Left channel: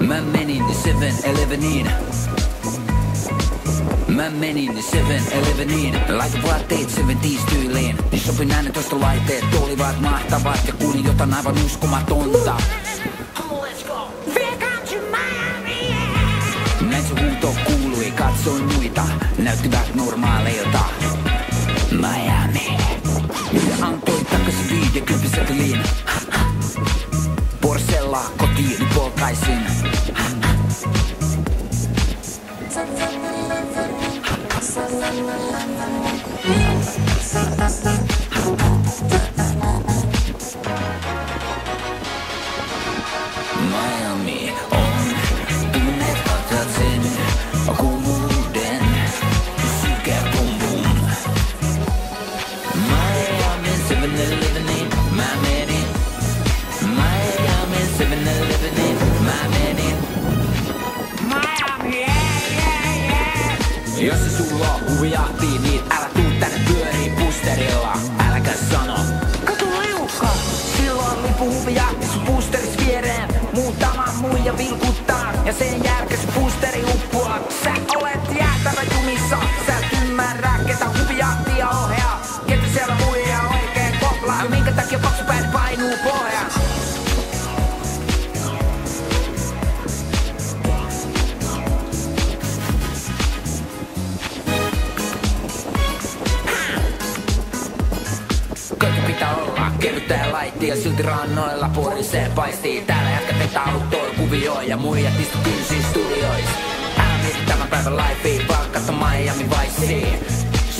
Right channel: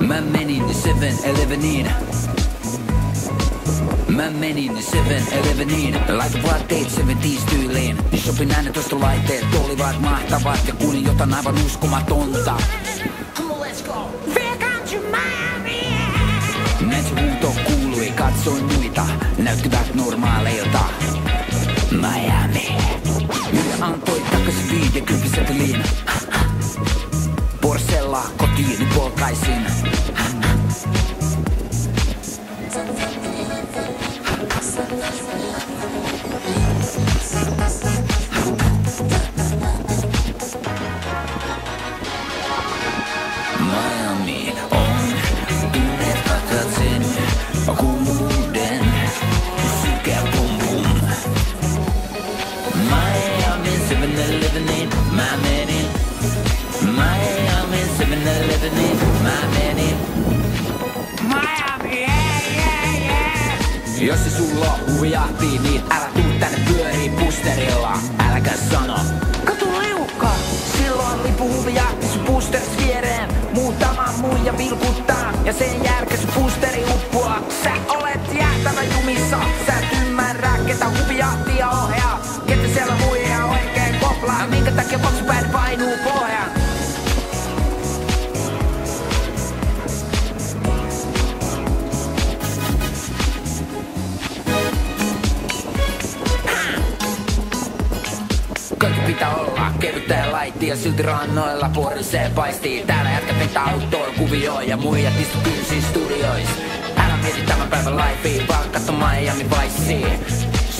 Mä menin 7-Eleveniin. Mä menin 7-Eleveniin. Laitoin vaatteet 70s tyyliin. Niin sopin äänetostolaitteet olivat mahtavat ja kuulin jotain aivan uskomatonta. Näin se huuto kuului, katsoin muita, näyttivät normaaleilta. Miami. Myyjä antoi takaisin 50 seteliin. Porsella kotiin polkaisin. Miami on tunnet katsat sen kuumuuden sykeä pum pum. Miami 7-Eleveniin mä menin. Miami 7-Eleveniin mä menin. Miami, yeah. Jos se sulla on huvijahti, niin älä tuu tänne pyörii pusterilla. Äläkä sano katu liukka, silloin lipu huvijahti sun pusteris viereen. Muutama muija vilkuttaa ja sen jälkeen sun pusteri uppoaa. Sä olet jäätävä jumissa, sä et ymmärrä ketä huvijahtia ohjaa. Ketä siellä muija oikein koplaa, minkä takia paksupäin painuu pohjaan. Pitää olla kevyttä ja laitti ja silti rannoilla porisee paistii. Täällä jätkät vetää autoilla kuvioon ja muijat istu kynsiin studiois. Älä mieti tämän päivän lifea, palkkatta Miami Viceen.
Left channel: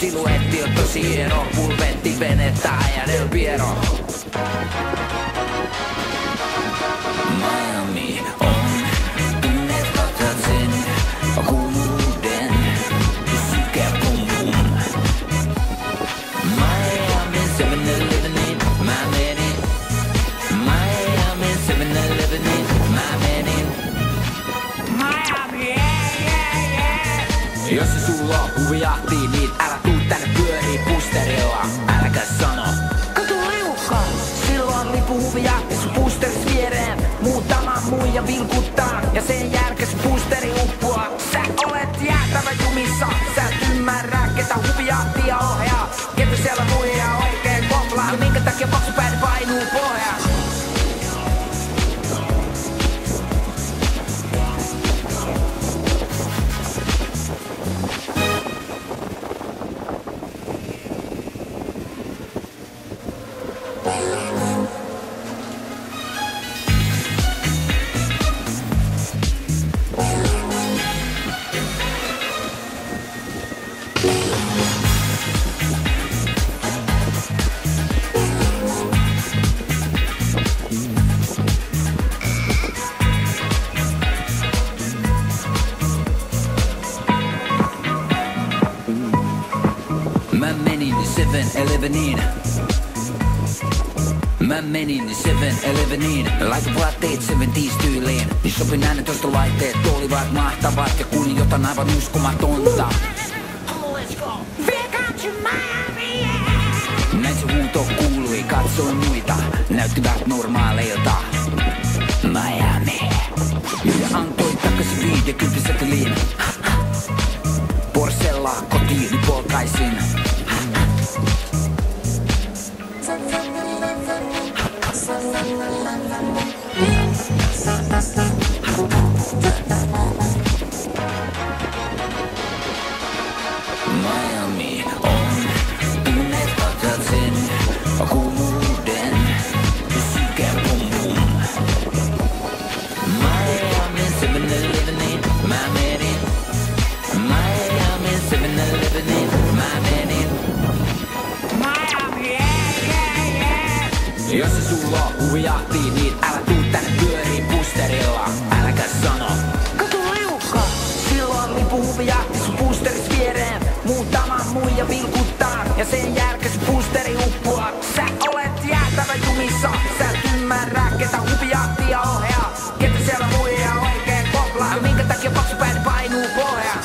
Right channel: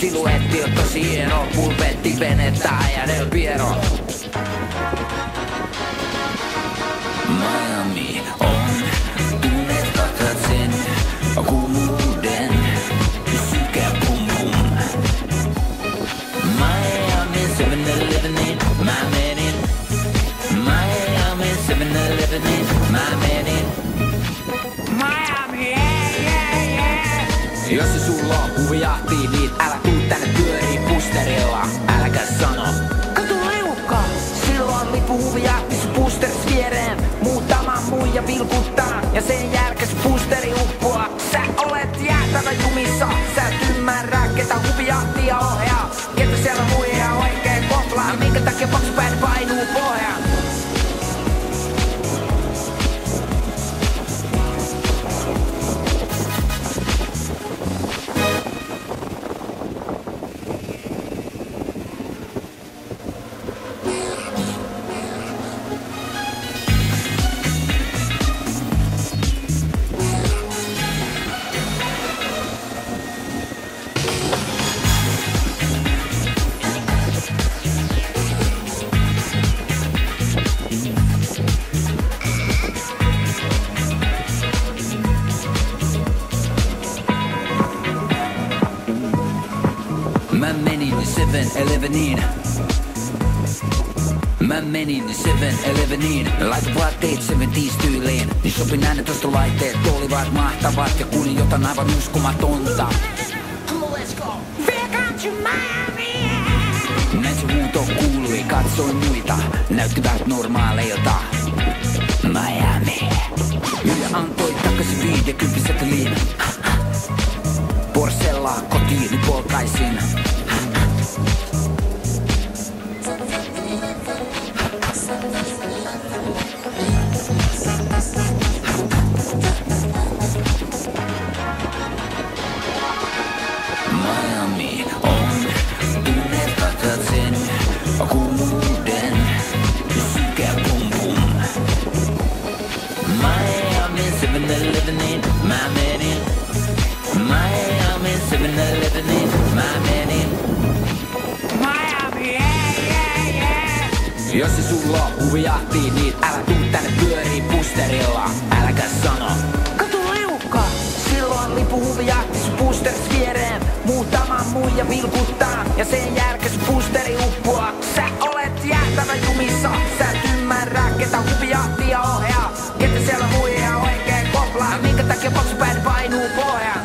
Siluetti on tosi hieno, pulpetti, venettä ja Del Piero. Miami on tunnet katsat sen kuumuuden sykeä pum pum. Miami 7-Eleveniin mä menin. Miami 7-Eleveniin mä menin. Miami, yeah. Jos se sulla on huvijahti, niin älä tuu tänne pyörii pusterilla. Äläkä sano katu liukka, silloin lipu huvijahti sun pusteris viereen. Muutama muija vilkuttaa ja sen jälkeen sun pusteri uppoaa. Sä olet jäätävä jumissa, sä et ymmärrä ketä huvijahtia ohjaa. Ketä siellä muija oikein koplaa, minkä takia paksupäin painuu pohjaan. Mä menin 7-Eleveniin. Mä menin 7-Eleveniin. Laitoin vaatteet 70s tyyliin. Niin sopin äänetostolaitteet olivat mahtavat ja kuulin jotain aivan uskomatonta. Näin se huuto kuului, katsoin muita, näyttivät normaaleilta. Miami. Myyjä antoi takaisin 50 seteliin. Porsella kotiin polkaisin. Miami on tunnet katsat sen kuumuuden sykeä pum pum. Miami 7-Eleveniin mä menin. Miami 7-Eleveniin mä menin. Miami, yeah. Jos se sulla on huvijahti, niin älä tuu tänne pyörii pusterilla. Äläkä sano katu liukka, silloin lipu huvijahti sun muija vilkuttaa ja sen jälkeen sun boosteri uppoaa. Sä olet jäätävä jumissa, sä et ymmärrä ketä huvijahtia ohjaa. Ketä siellä muija oikein koplaa, minkä takia paksupäin painuu pohjaan.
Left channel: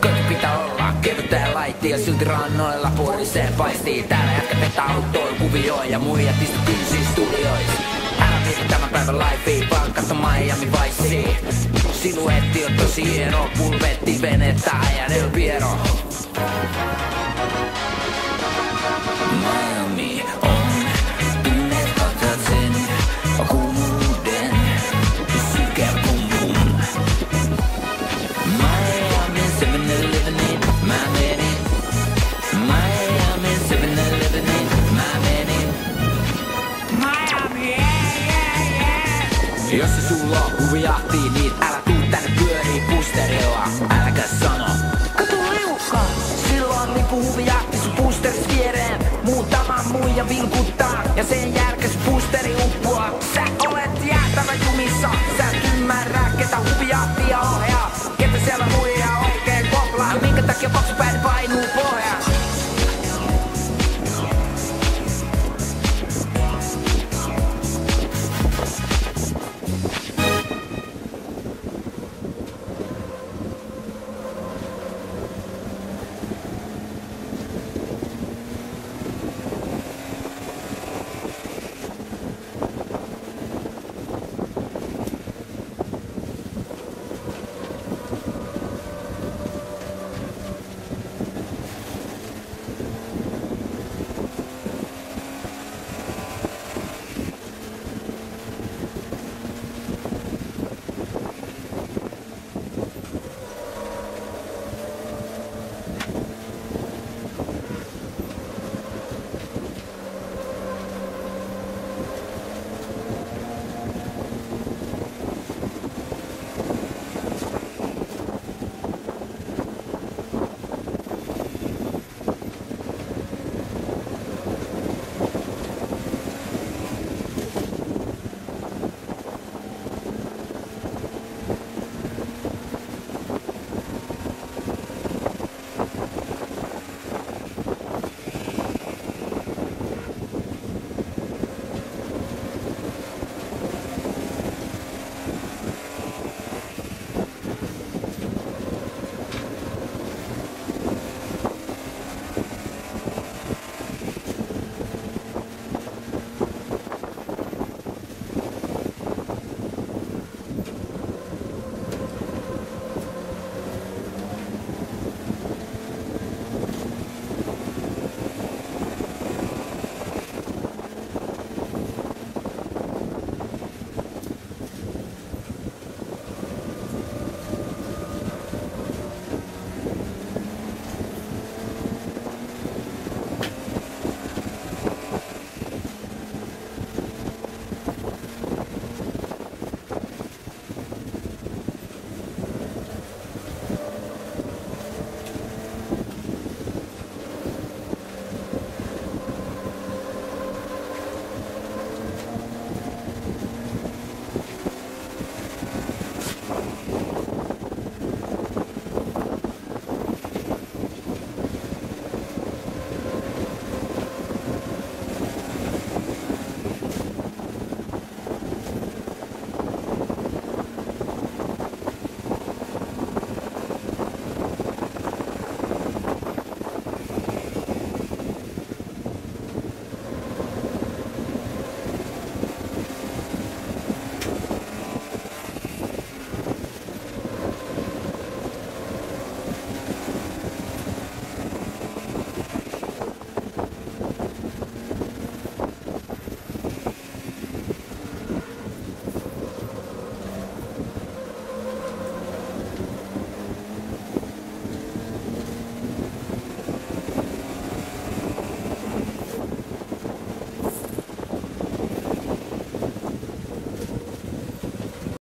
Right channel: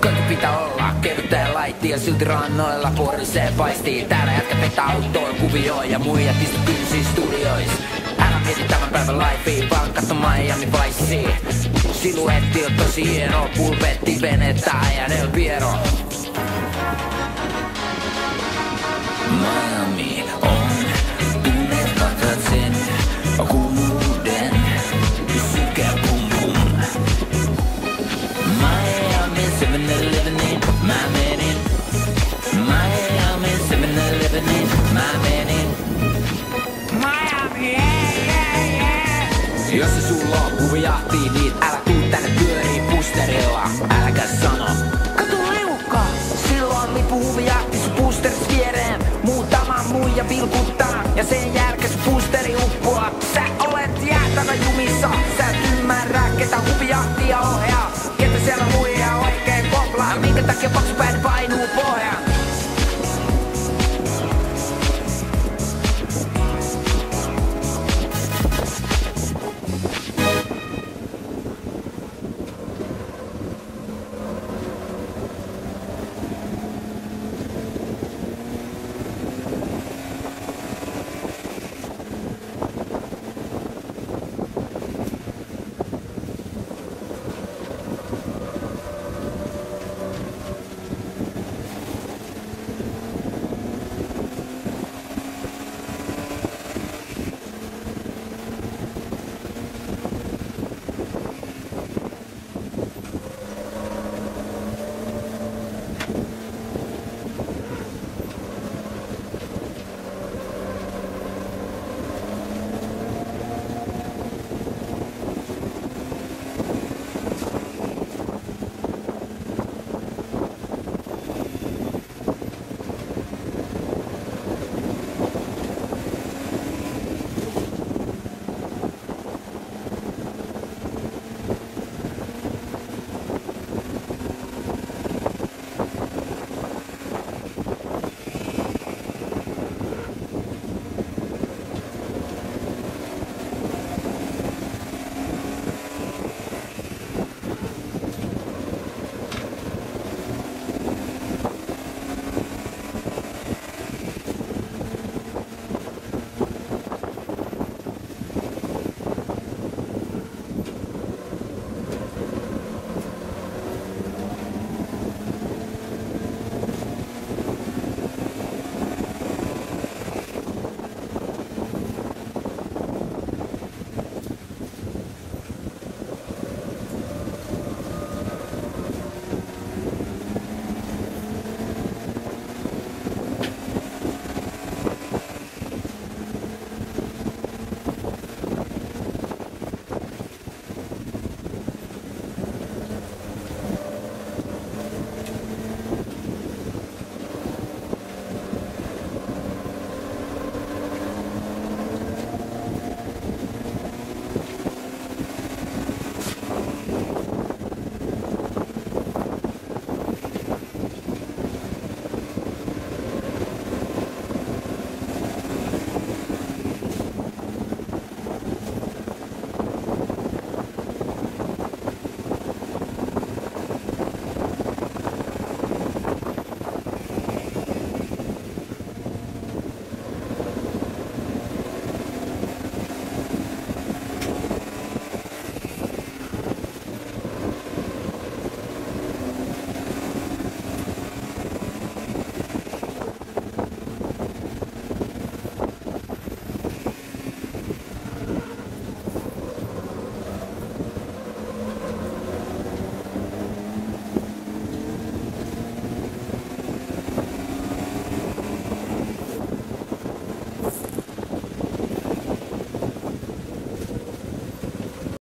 Koti pitää olla kevyttä ja laitti ja silti rannoilla porisee paistii. Täällä jätkä vetää autoilla kuvioon ja muijat istu kynsiin studiois. Älä mieti tämän päivän lifea, vaan katso Miami Vicea. Siluetti on tosi hieno, pulpetti, venettä ja Del Piero. Miami on tunneet katsat sen kuumuuden ja sykeä pum pum. Miami 7-Elevenin mä menin. Miami 7-Elevenin mä menin. Miami, yeah, yeah, yeah. Jos se sulla on huvijahtii, niin älä tuu tänne pyörii boosterilla. Äläkä sano kato liukka, silloin lipu huvijahti sun boosteris viereen. Muutama muija vilkuttaa ja sen jälkeen sun boosteri uppoaa. Sä olet jäätävä jumissa,